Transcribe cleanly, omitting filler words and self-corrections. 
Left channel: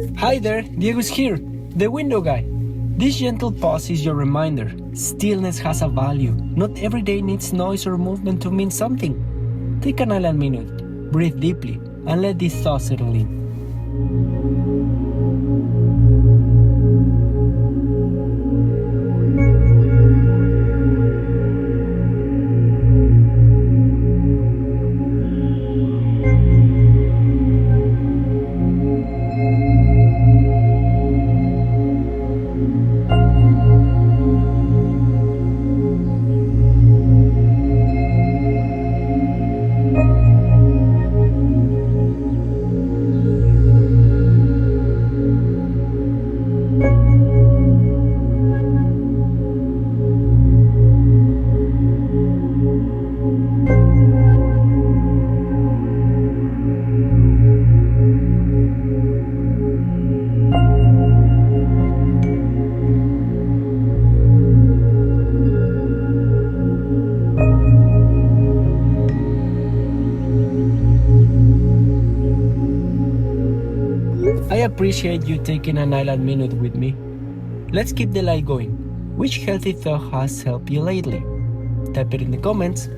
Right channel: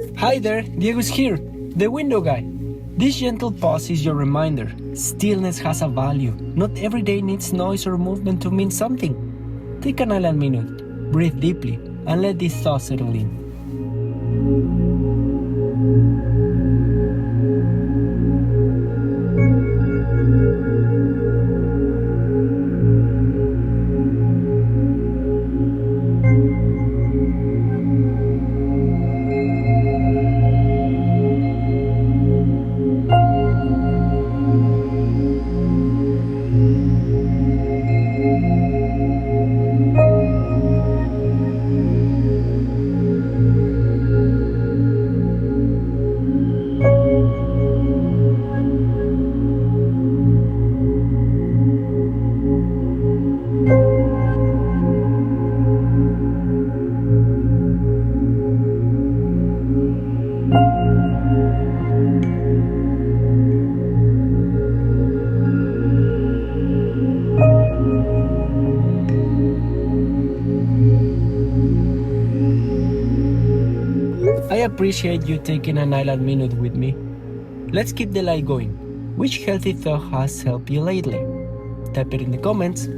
Hi there, Diego's here, the window guy. This gentle pause is your reminder. Stillness has a value. Not every day needs noise or movement to mean something. Take an island minute, breathe deeply, and let these thoughts settle in. I appreciate you taking an island minute with me. Let's keep the light going. Which healthy thought has helped you lately? Type it in the comments.